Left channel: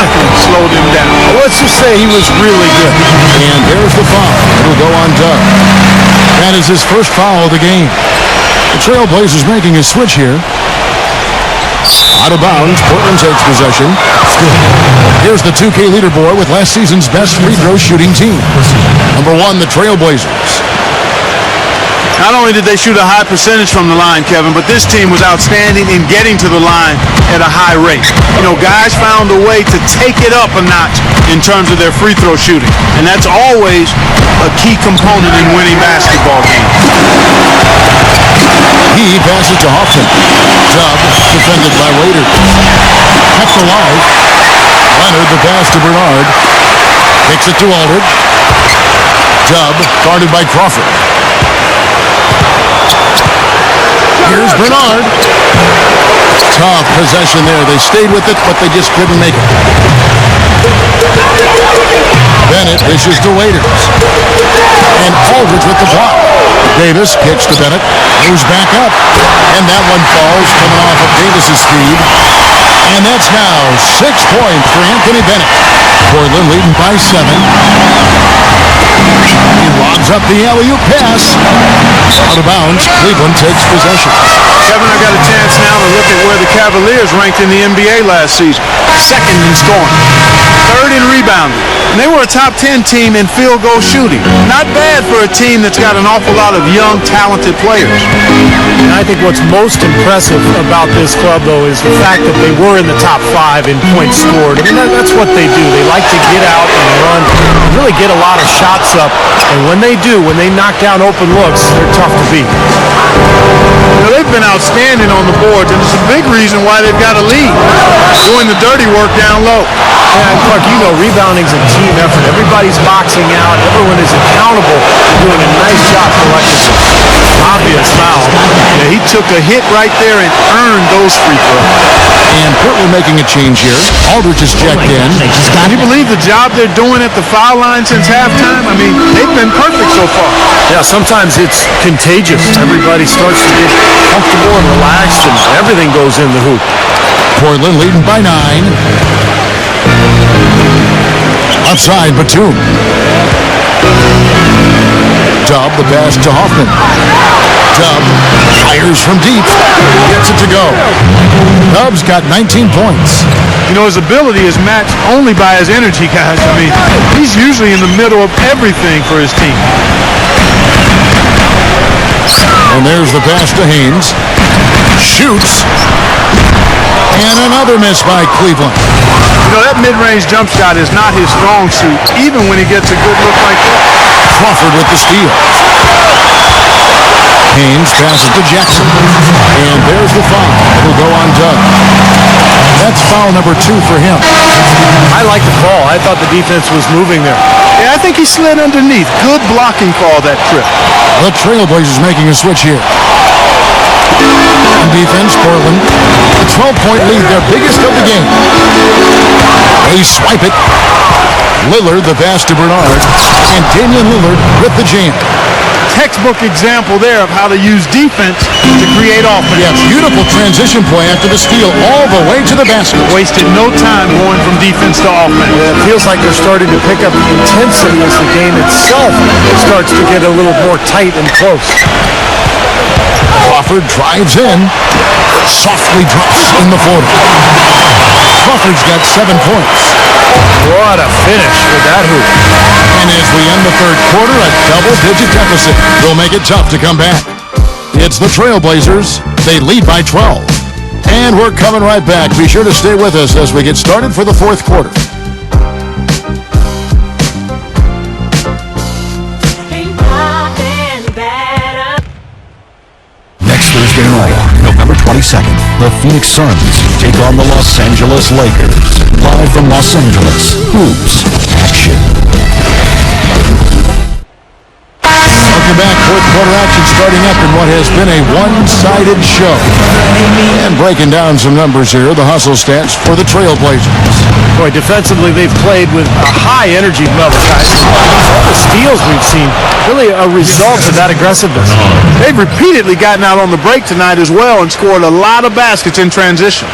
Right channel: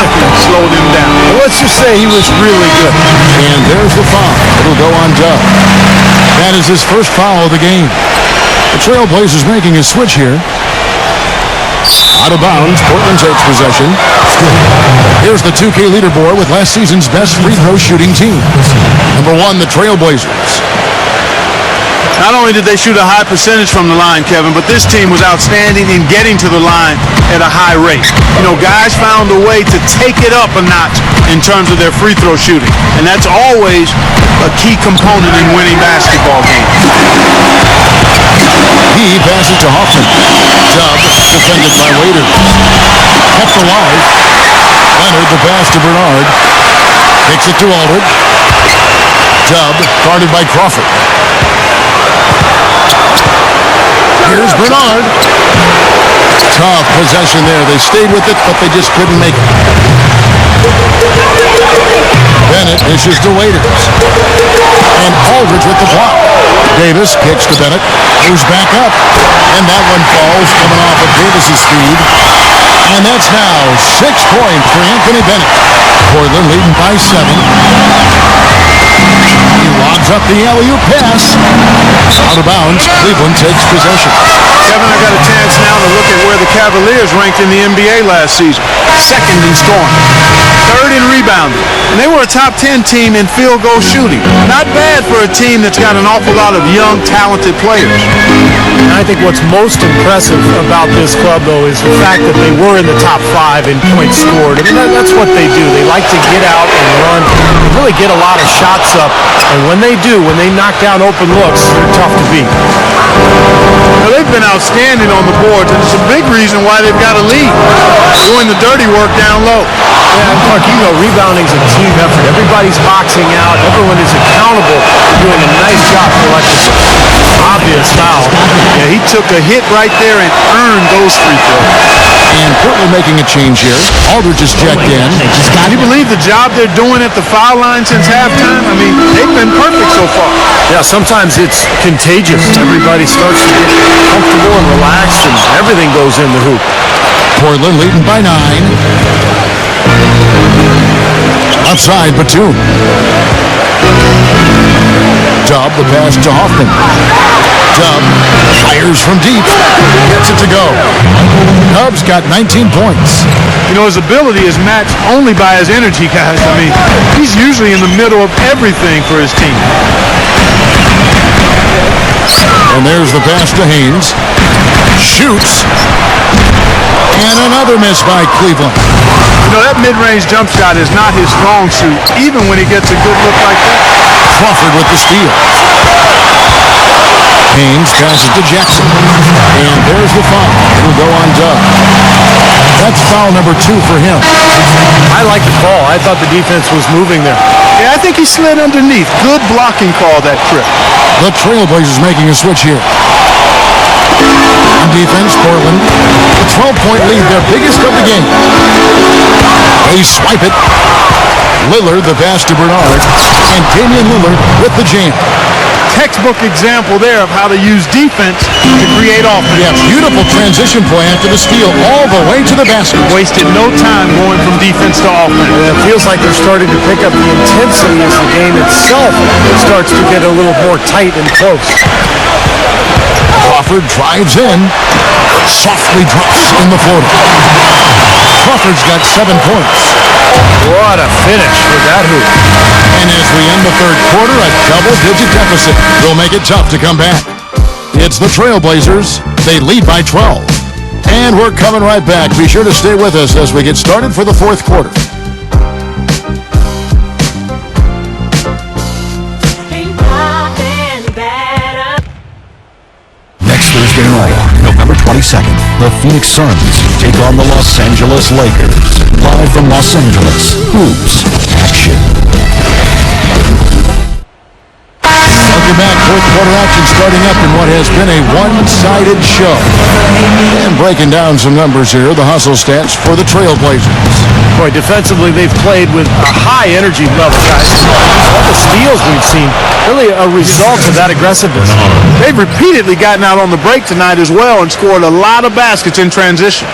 Nothing slowed him down. Let's just say he was really good. And there's the foul. It'll go on Dub. That is his first foul of the game. The Trailblazers making a switch here. Out of bounds, Portland takes possession. Here's the 2K leaderboard with last season's best free throw shooting team. Number 1, the Trailblazers. Not only did they shoot a high percentage from the line, Kevin, but this team was outstanding in getting to the line at a high rate. You know, guys found a way to take it up a notch in terms of their free throw shooting, and that's always a key component in winning basketball games. He passes to Hoffman. Dub defended by Waiters. Kept alive. Leonard the pass to Bernard. Kicks it to Aldridge. Dub guarded by Crawford. Here's Bernard. Tough possession there. They stayed with it, but they just couldn't make it. Bennett dishes to Waiters. And Aldridge with the block. Davis kicks to Bennett. Moves back up. And that one falls, coming off of Davis's feed. And that's now 6 points for Anthony Bennett. Portland leading by 7. He lobs up the alley-oop pass. Out of bounds, Cleveland takes possession. Kevin, I got a chance now to look at where the Cavaliers ranked in the NBA last season. 2nd in scoring, 3rd in rebounding, and they were a top 10 team in field goal shooting. Not bad for a team that's got an awful lot of young, talented players. And I think what's most impressive about this club, though, is the fact that they were in the top 5 in points scored. I mean, that's what they do. They like to get out and run, really get a lot of shots up. And when they do, when they knock down open looks, they're tough to beat. You know, they've been outstanding on the boards, and it's a big reason why they've got a lead, doing the dirty work down low. Yeah, and Clark, you know, rebounding's a team effort. Everybody's boxing out. Everyone is accountable for doing a nice job collectively. Obvious foul. Yeah, he took a hit right there and earned those free throws. And Portland making a change here. Aldridge is checked in. Can you believe the job they're doing at the foul line since halftime? I mean, they've been perfect so far. Yeah, sometimes it's contagious. Everybody starts to get comfortable and relaxed, and everything goes in the hoop. Portland leading by 9. Outside, Batum. Dub, the pass to Hoffman. Dub fires from deep. Gets it to go. Dub's got 19 points. You know, his ability is matched only by his energy, guys. I mean, he's usually in the middle of everything for his team. And there's the pass to Haynes. Shoots. And another miss by Cleveland. You know, that mid-range jump shot is not his strong suit, even when he gets a good look like that. Crawford with the steal. Haynes passes to Jackson. And there's the foul. It'll go on Dub. That's foul number 2 for him. I like the call. I thought the defense was moving there. Yeah, I think he slid underneath. Good blocking call that trip. The Trailblazers making a switch here. On defense, Portland. The 12-point lead, their biggest of the game. They swipe it. Lillard, the pass to Bernard. And Damian Lillard with the jam. Textbook example there of how to use defense to create offense. Yeah, beautiful transition play after the steal all the way to the basket. Wasted no time going from defense to offense. It feels like they're starting to pick up the intensity as the game itself starts to get a little more tight and close. Crawford drives in. Softly drops in the floater. Crawford's got 7 points. What a finish with that hoop. And as we end the third quarter, a double-digit deficit will make it tough to come back. It's the Trailblazers. They lead by 12. And we're coming right back. Be sure to stay with us as we get started for the fourth quarter. Thursday night, November 22nd, the Phoenix Suns take on the Los Angeles Lakers. Live from Los Angeles, hoops action. Welcome back. Fourth quarter action starting up in what has been a one-sided show. And breaking down some numbers here, the hustle stats for the Trailblazers. Boy, defensively, they've played with a high energy level, guys. All the steals we've seen, really a result of that aggressiveness. They've repeatedly gotten out on the break tonight as well and scored a lot of baskets in transition.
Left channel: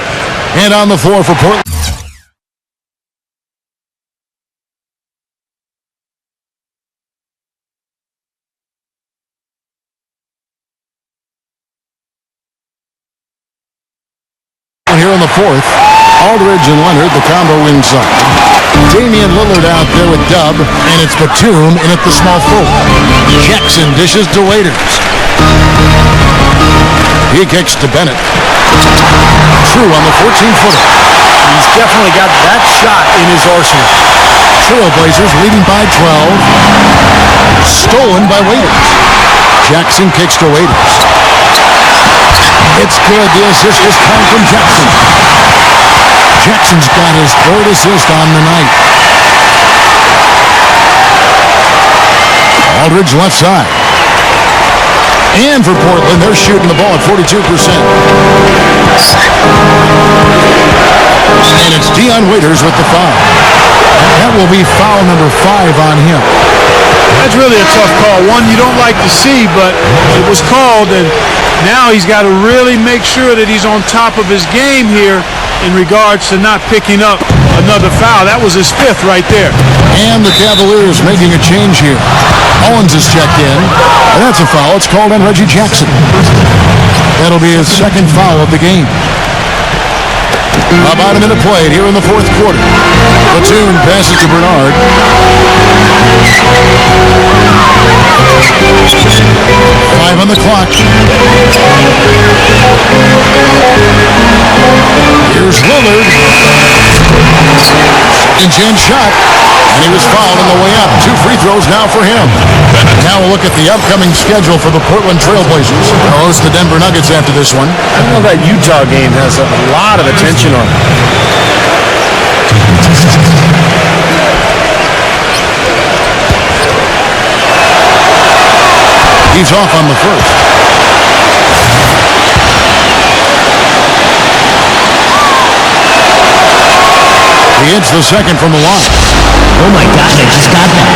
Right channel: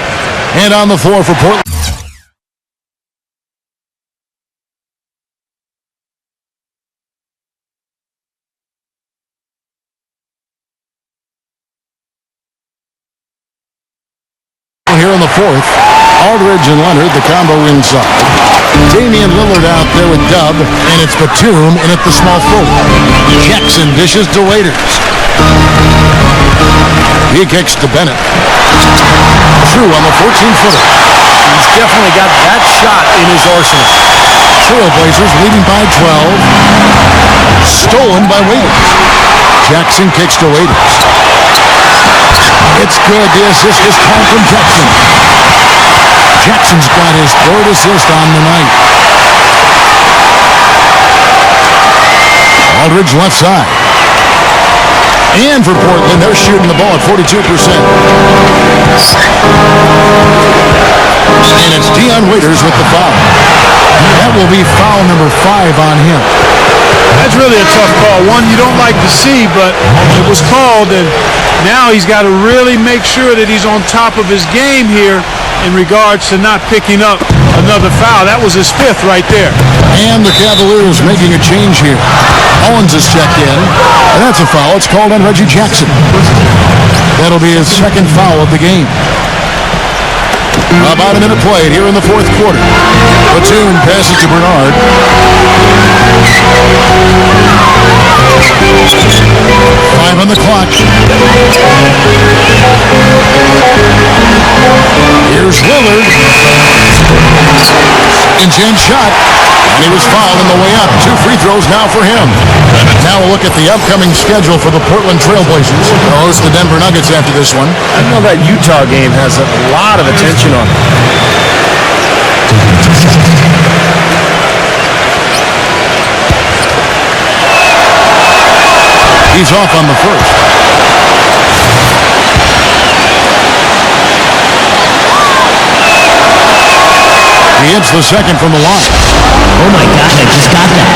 And on the floor for Portland. Here in the fourth, Aldridge and Leonard, the combo inside. Damian Lillard out there with Dub, and it's Batum in at the small forward. Jackson dishes to Waiters. He kicks to Bennett. True on the 14-footer. He's definitely got that shot in his arsenal. Trailblazers leading by 12. Stolen by Waiters. Jackson kicks to Waiters. It's good. The assist this time from Jackson. Jackson's got his third assist on the night. Aldridge left side. And for Portland, they're shooting the ball at 42%. And it's Dion Waiters with the foul. That will be foul number 5 on him. That's really a tough call. One you don't like to see, but it was called, and now he's got to really make sure that he's on top of his game here in regards to not picking up another foul. That was his 5th right there. And the Cavaliers making a change here. Owens is checked in, and that's a foul. It's called on Reggie Jackson. That'll be his 2nd foul of the game. About a minute played here in the 4th quarter. Batum passes to Bernard. Five on the clock. Here's Lillard. Second chance shot. And he was fouled on the way up. 2 free throws now for him. Now we'll look at the upcoming schedule for the Portland Trailblazers. They'll host the Denver Nuggets after this one. You know that Utah game has a lot of attention on it. He's off on the first. He hits the second from the line. Oh my God, I just got that.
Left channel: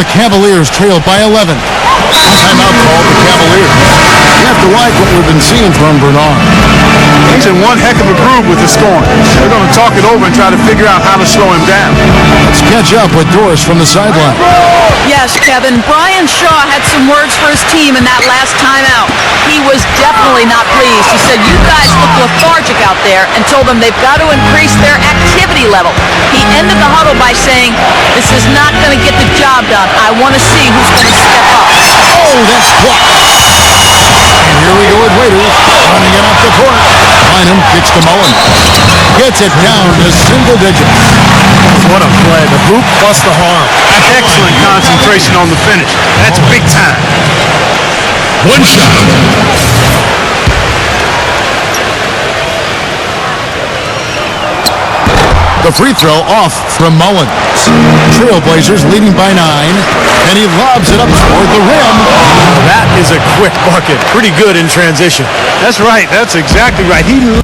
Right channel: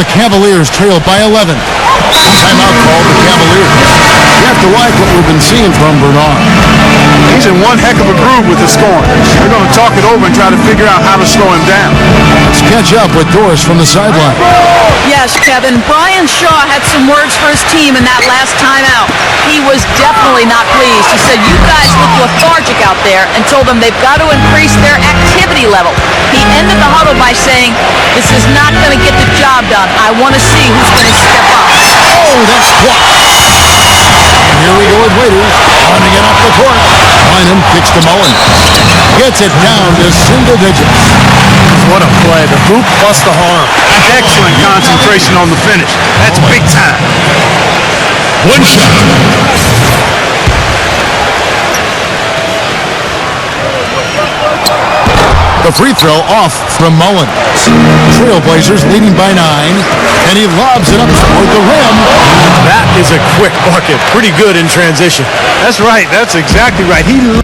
The Cavaliers trail by 11. Timeout called the Cavaliers. You have to like what we've been seeing from Bernard. He's in one heck of a groove with the scoring. They're going to talk it over and try to figure out how to slow him down. Let's catch up with Doris from the sideline. Yes, Kevin. Brian Shaw had some words for his team in that last timeout. He was definitely not pleased. He said, "You guys look lethargic out there," and told them they've got to increase their activity level. He ended the huddle by saying, "This is not going to get the job done. I want to see who's going to step up." Oh, that's blocked. And here we go with Waiters, running it up the court. Bynum kicks to Mullen. Gets it down to single digits. What a play. The hoop plus the harm. Excellent concentration on the finish. That's big time. The free throw off from Mullins. Trailblazers leading by 9, and he lobs it up toward the rim. Now that is a quick bucket. Pretty good in transition. That's right. That's exactly right. He loves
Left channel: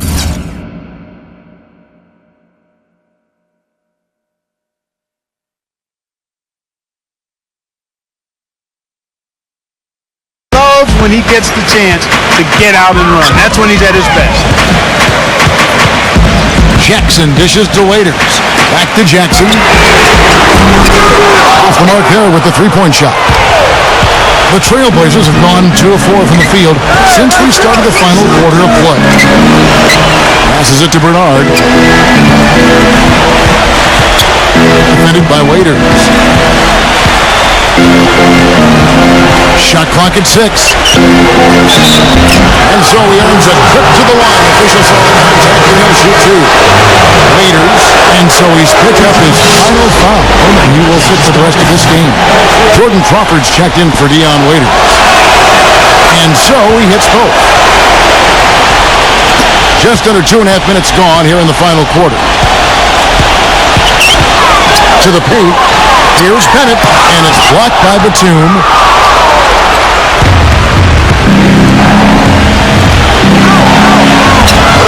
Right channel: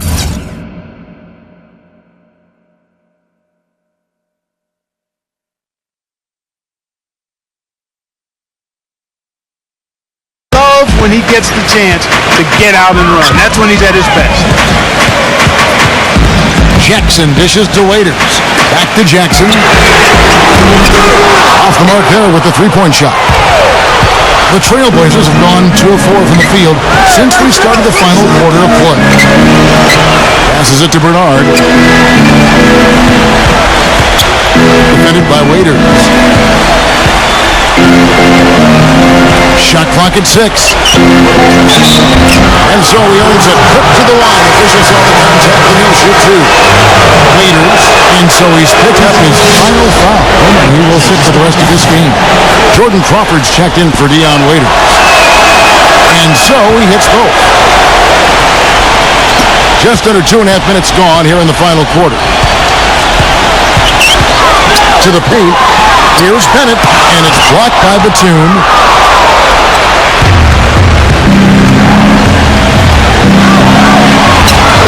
when he gets the chance to get out and run. That's when he's at his best. Jackson dishes to Waiters. Back to Jackson. Off the mark there with the three-point shot. The Trailblazers have gone 2 of 4 from the field since we started the final quarter of play. Passes it to Bernard. Defended by Waiters. Shot clock at 6. And so he earns a trip to the line. Official saw the contact and he'll shoot 2. Waiters, and so he's picked up his final foul. And he will sit for the rest of this game. Jordan Crawford's checked in for Dion Waiters. And so he hits both. Just under 2.5 minutes gone here in the final quarter. To the paint. Here's Bennett, and it's blocked by Batum.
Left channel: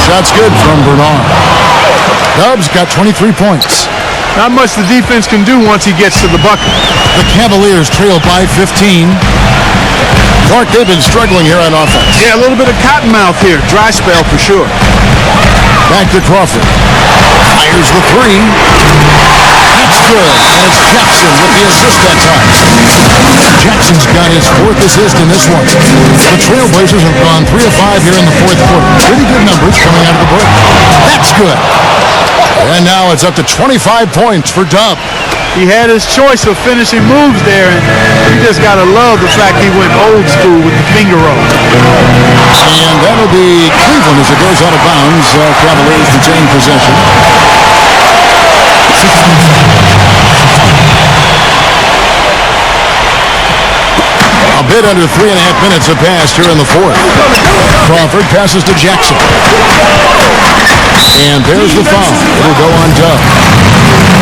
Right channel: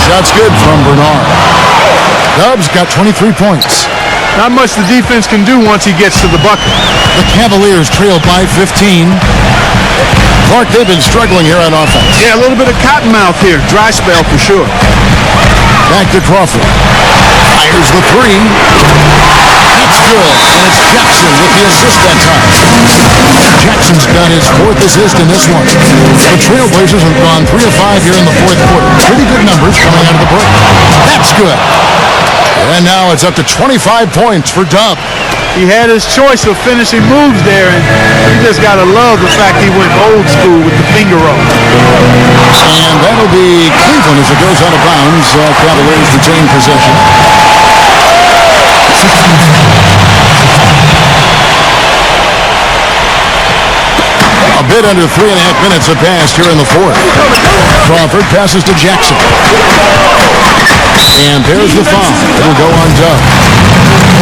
Shot's good from Bernard. Dubs got 23 points. Not much the defense can do once he gets to the bucket. The Cavaliers trail by 15. Clark, they've been struggling here on offense. Yeah, a little bit of cottonmouth here. Dry spell for sure. Back to Crawford. Fires the 3. That's good. And it's Jackson with the assist that time. Jackson's got his 4th assist in this one. The Trailblazers have gone 3 of 5 here in the 4th quarter. Pretty good numbers coming out of the break. That's good. And now it's up to 25 points for Dub. He had his choice of finishing moves there, and you just got to love the fact he went old school with the finger roll. And that'll be Cleveland as it goes out of bounds. Cavaliers retain possession. A bit under 3.5 minutes have passed here in the 4th. Crawford passes to Jackson. And there's the foul. It'll go on Dub.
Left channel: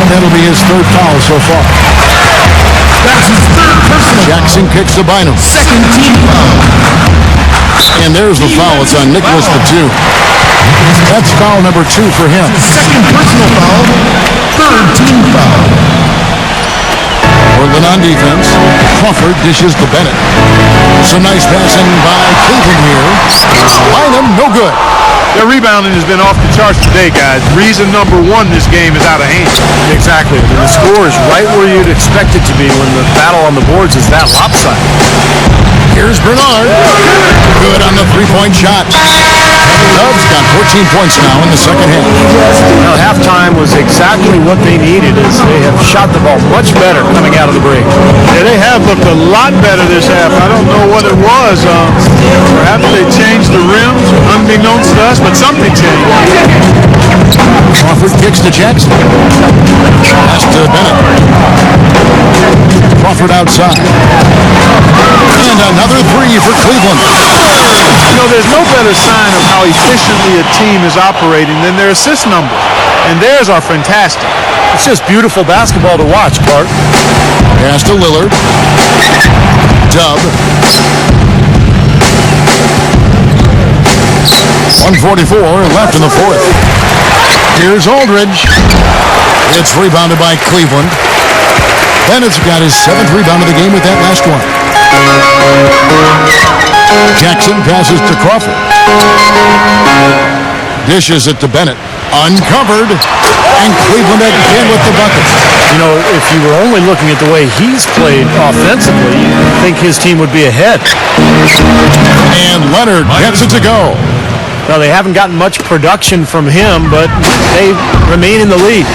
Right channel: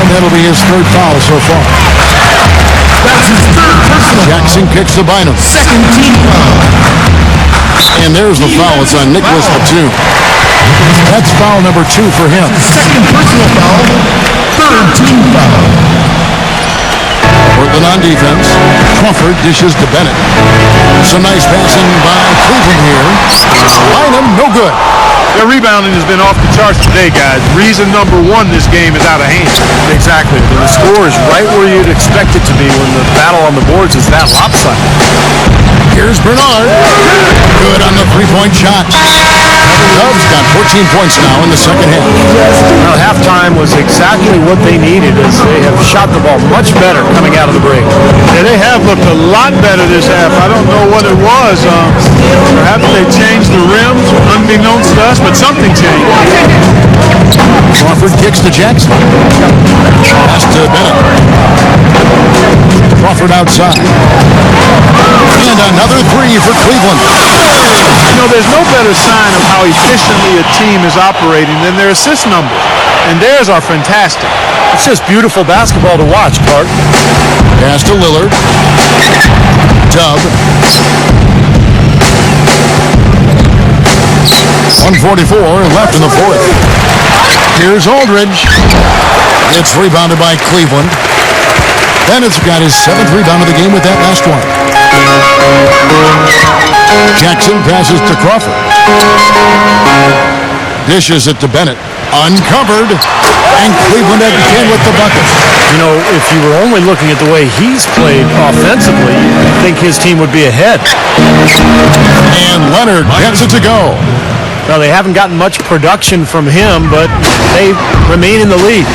And that'll be his 3rd foul so far. Jackson kicks to Bynum. And there's the foul. It's on Nicholas Batum. That's foul number 2 for him. Portland on defense. Crawford dishes to Bennett. Some nice passing by Cleveland here. Bynum, no good. Their rebounding has been off the charts today, guys. Reason number 1, this game is out of hand. Exactly. I mean, the score is right where you'd expect it to be when the battle on the boards is that lopsided. Here's Bernard. Good on the 3-point shot. Dubs got 14 points now in the second half. Now, halftime was exactly what they needed, as they have shot the ball much better coming out of the break. Yeah, they have looked a lot better this half. I don't know what it was. Perhaps they changed the rims, unbeknownst to us, but something changed. Crawford kicks to Jackson. Pass to Bennett. Crawford outside. And another 3 for Cleveland. You know, there's no better sign of how efficiently a team is operating than their assist numbers. And theirs are fantastic. It's just beautiful basketball to watch, Clark. Pass to Lillard. Dub. 1:44 left in the 4th. Here's Aldridge. It's rebounded by Cleveland. Bennett's got his 7th rebound of the game with that last one. Jackson passes to Crawford. Dishes it to Bennett. Uncovered. And Cleveland again with the bucket. You know, if you were only looking at the way he's played offensively, you'd think his team would be ahead. And Leonard gets it to go. Now, they haven't gotten much production from him, but they remain in the lead.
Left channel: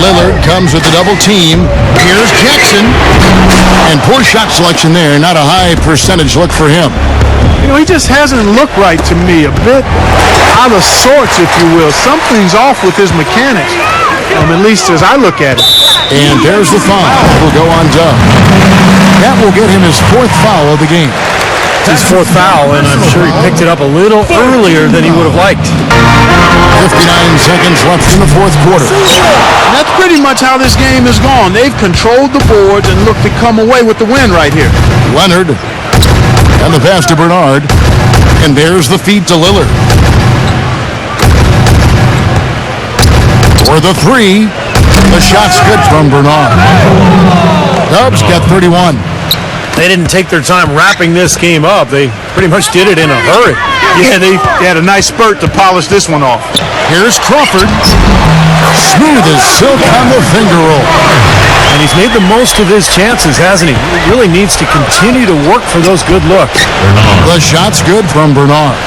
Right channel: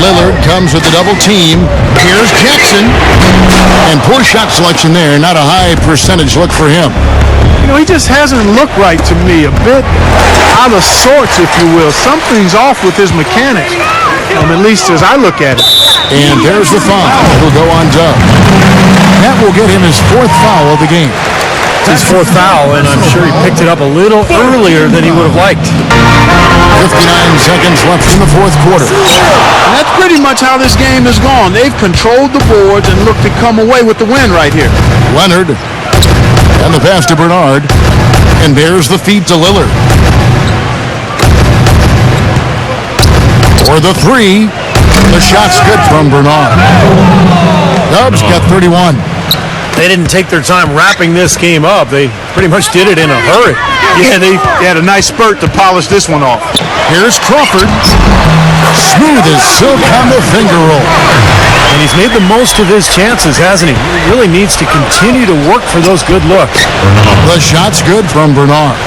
Lillard comes with the double team. Here's Jackson. And poor shot selection there. Not a high percentage look for him. You know, he just hasn't looked right to me. A bit out of sorts, if you will. Something's off with his mechanics, at least as I look at it. And there's the foul. It'll go on Dub. That will get him his 4th foul of the game. It's his 4th foul, and I'm sure he picked it up a little earlier than he would have liked. 59 seconds left in the 4th quarter. And that's pretty much how this game has gone. They've controlled the boards and looked to come away with the win right here. Leonard. And the pass to Bernard. And there's the feed to Lillard. For the 3. The shot's good from Bernard. Dubs got 31. They didn't take their time wrapping this game up. They pretty much did it in a hurry. Yeah, they had a nice spurt to polish this one off. Here's Crawford. Smooth as silk on the finger roll. And he's made the most of his chances, hasn't he? He really needs to continue to work for those good looks. The shot's good from Bernard.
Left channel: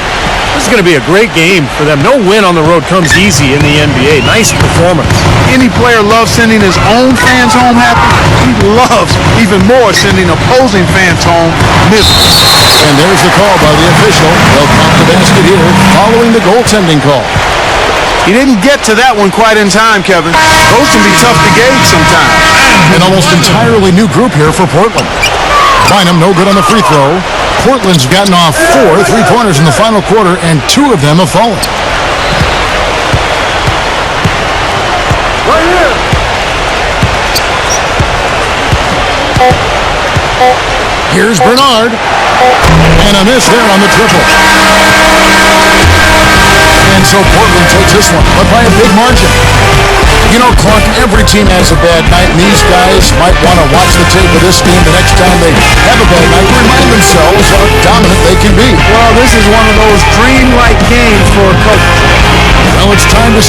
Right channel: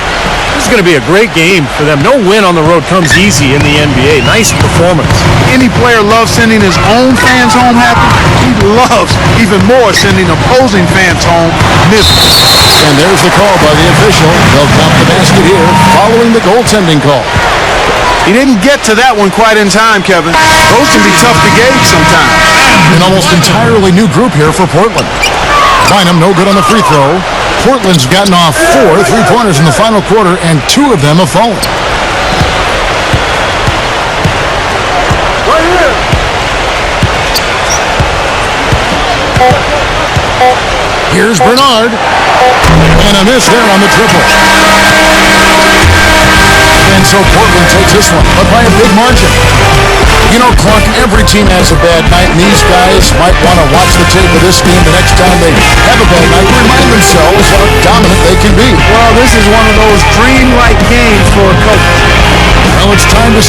This is going to be a great game for them. No win on the road comes easy in the NBA. Nice performance. Any player loves sending his own fans home happy. He loves even more sending opposing fans home miserable. And there's the call by the official. They'll count the basket here following the goaltending call. He didn't get to that one quite in time, Kevin. Those can be tough to gauge sometimes. An almost entirely new group here for Portland. Bynum no good on the free throw. Portland's gotten off 4 3-pointers in the final quarter, and 2 of them have fallen. Right here. Here's Bernard. And a miss there on the triple. And so Portland takes this one, but by a big margin. You know, Clark, every team has a bad night, and these guys might want to watch the tape of this game the next time they have a bad night to remind themselves how dominant they can be. Well, this is one of those dream-like games for a coach. Well, it's time to